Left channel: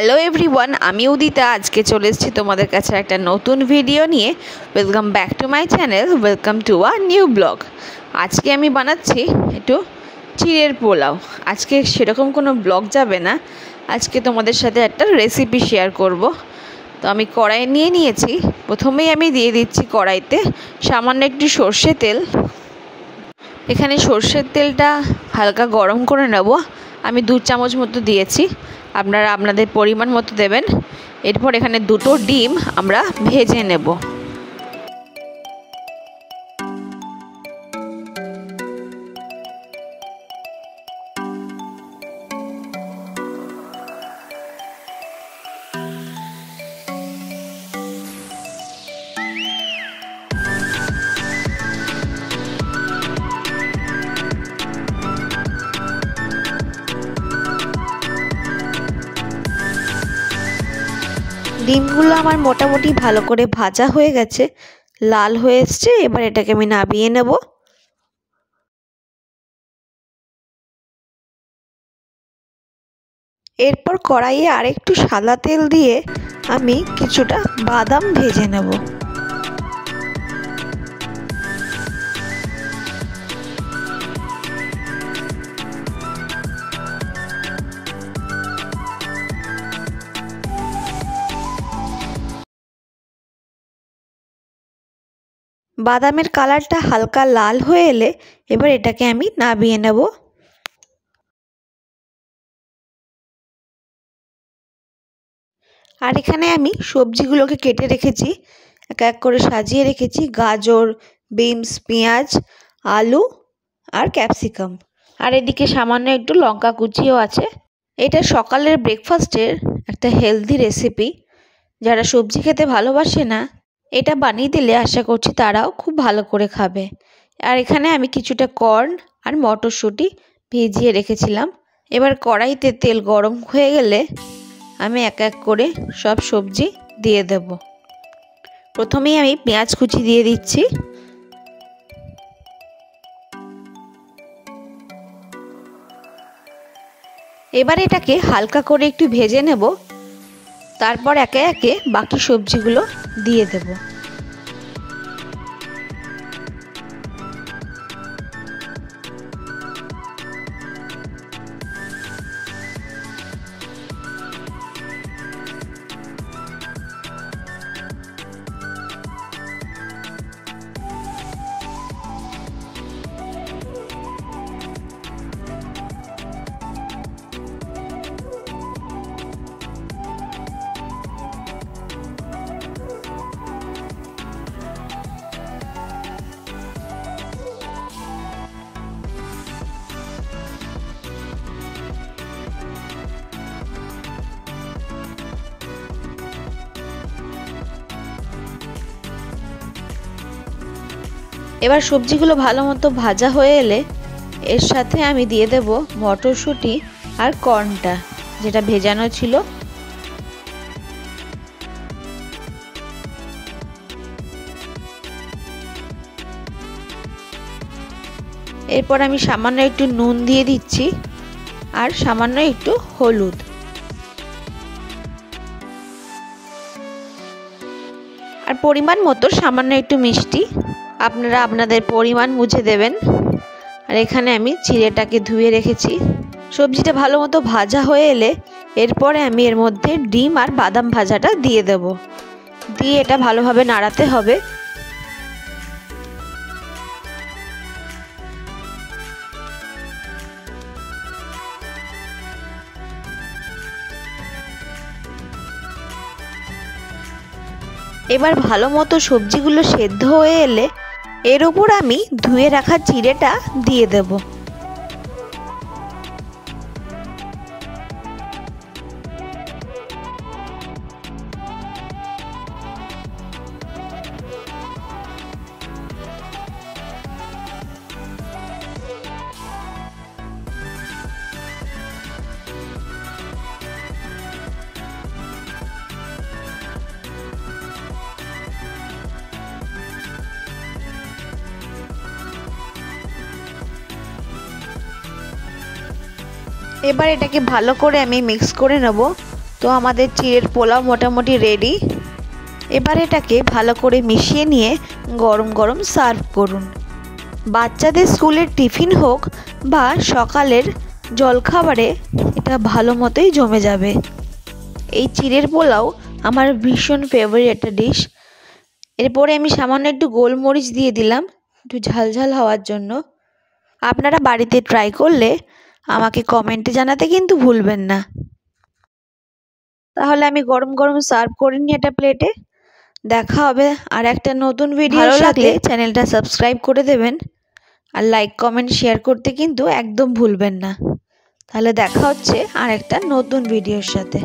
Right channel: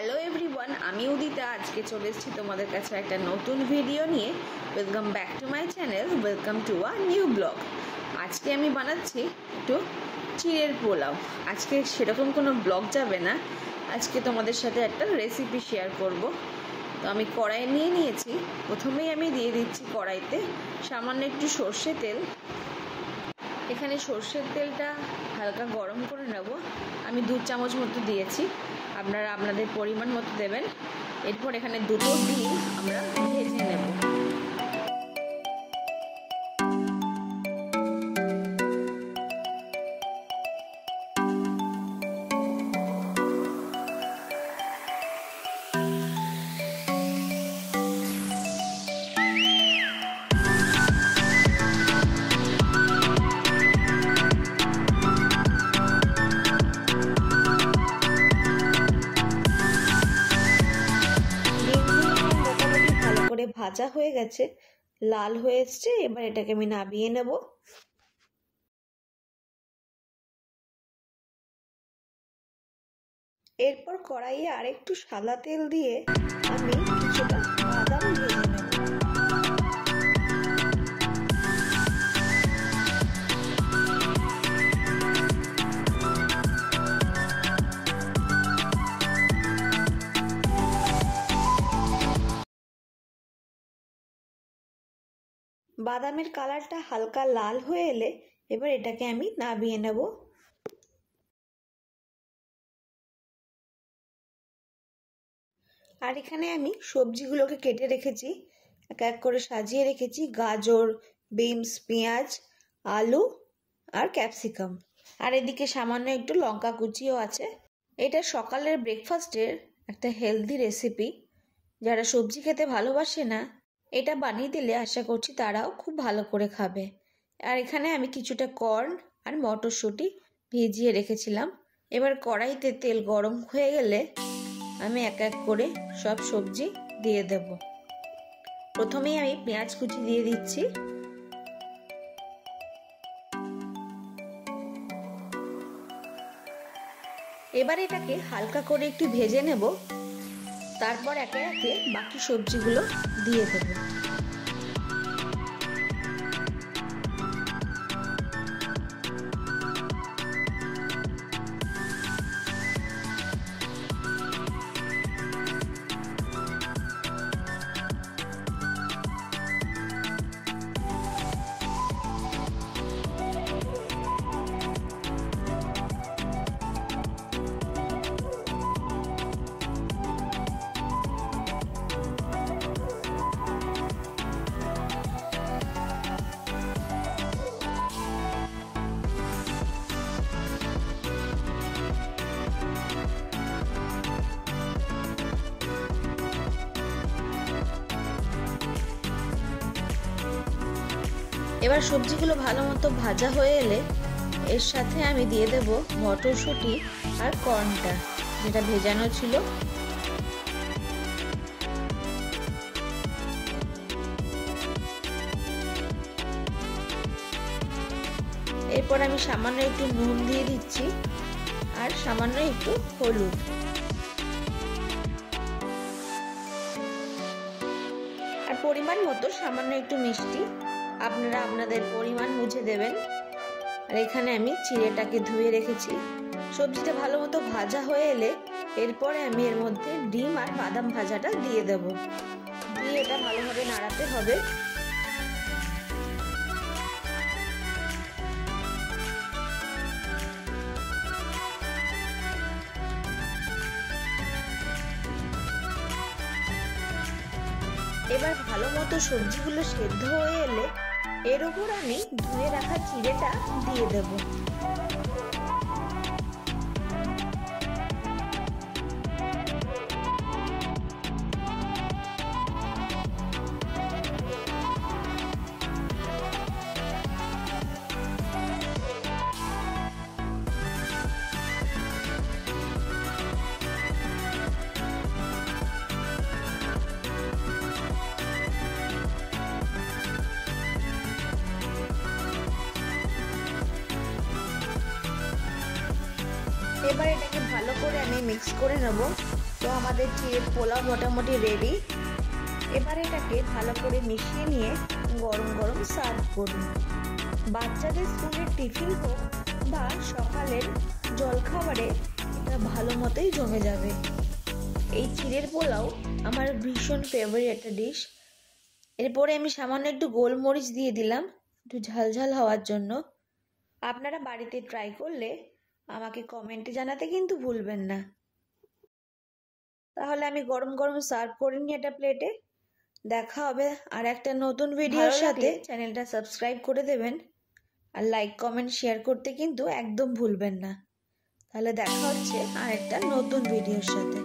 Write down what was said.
Hello everyone, আমি উদিতা। আজকে চলে এসেছি তোমাদের কাছে একটা নতুন ভিডিও নিয়ে। Welcome back to my channel, welcome to a new blog. আজকে আমি বানাচ্ছি একটু চিড়ের পোলাও। আজকে সেরকম কোনো ব্লগ যাবে না, আজকে তোমাদের সাথে একটা রেসিপি শেয়ার করব। তো আমি কড়াই নিয়ে নিয়েছি। প্রথমেই আমি দিয়ে দিচ্ছি কড়াইতে সামান্য একটু সর্ষে তেল। এখানে সর্ষের তেলটা হালকা গরম করে নেব। আমি 2 চামচ মতো দিয়েছি, আপনারা আপনাদের পরিমাণ মতো দেবেন। এরপর এখানে 2টো ডিম আমরা ভেজে নেব। ডিমগুলো আমার মোটামুটি ভালো করে ভাজা হয়ে গেছে, লাল হয়ে এসছে। এবার এটাকে আমি নামিয়ে নেব। এরপর কড়াইয়ে আরেকটু সাদা তেল দিয়ে আমি কিছুটা বাদাম ভেজে নেব। বাদামের কালারটা হালকা লাল হয়ে এলে এবার এটাকে আমি নামিয়ে নেব। আর এখানে আমি সবজিগুলোকে কেটে রেখেছি, এক এক করে সাজিয়ে রেখেছি। গাজর, বিনস, পেঁয়াজ, আলু আর ক্যাপসিকাম। আর এদিকে সামান্য একটু লঙ্কা কুচিও আছে। এটা সকালের ব্রেকফাস্টের একটা হেলদি রেসিপি। যারা সবজি খেতে ভালোবাসে না, এটা বানিয়ে দিলে আশা করছি তারাও খুব ভালো করে খাবে। আর এখানে আমি কিছুটা কর্ন আর মটরশুঁটি ভিজিয়ে রেখেছিলাম। এবার কড়াইতে তেল গরম হয়ে গেলে আমি এক এক করে সব সবজি দিয়ে দেব। প্রথমেই আমি পেঁয়াজ কুচি দিয়ে দিচ্ছি। এবার এটাকে হালকা করে একটু ভেজে নেব। তারপর একে একে বাকি সবজিগুলো দিয়ে দেব। এবার সবজিগুলো ভালো মতো ভাজা হয়ে এলে এর সাথে আমি দিয়ে দেব মটরশুঁটি আর কর্নটা যেটা ভেজানো ছিল। এরপর আমি সামান্য একটু নুন দিয়ে দিচ্ছি আর সামান্য একটু হলুদ। আর পরিমাণ মতো সামান্য একটু মিষ্টি, আপনারা আপনাদের পরিমাণ বুঝে দেবেন। আর এখানে আমি চিড়েটাকে ধুয়ে রেখেছি। সবজিটা ভালো মতো ভাজা হয়ে এলে এরপরে আমি এর মধ্যে ডিম আর বাদাম ভাজাটা দিয়ে দেব। দিয়ে এটা ভালোভাবে নাড়াতে হবে। এবার ভালো মতো সবজিগুলো সেদ্ধ হয়ে এলে এর উপর আমি ধুয়ে রাখা চিড়েটা দিয়ে দেব। এবার এটাকে ভালো করে আমি মিক্স করে নেব। তো আমাদের চিড়ের পোলাও মোটামুটি রেডি। এবার এটাকে ভালো করে মিশিয়ে নিয়ে গরম গরম সার্ভ করুন। বাচ্চাদের স্কুলের টিফিন হোক বা সকালের জলখাবারে এটা ভালো মতোই জমে যাবে। এই চিড়ের পোলাও আমার ভীষণ ফেভারিট একটা ডিশ। এরপরে আমি সামান্য একটু গোলমরিচ দিয়ে দিলাম একটু ঝালঝাল হওয়ার জন্য। আপনারা বাড়িতে ট্রাই করলে আমাকে কমেন্টে জানাতে কিন্তু ভুলবেন না। তাহলে আমি গরম গরম সার্ভ করে নিই একটা প্লেটে। দেখা হবে আর একটা নতুন ভিডিও। ভালো লাগলে চ্যানেলটা সাবস্ক্রাইব করে দেবেন আর লাইক কমেন্ট শেয়ার করতে কিন্তু একদম ভুলবেন না। তাহলে দেখা হচ্ছে আর একটা নতুন ভিডিওর সাথে।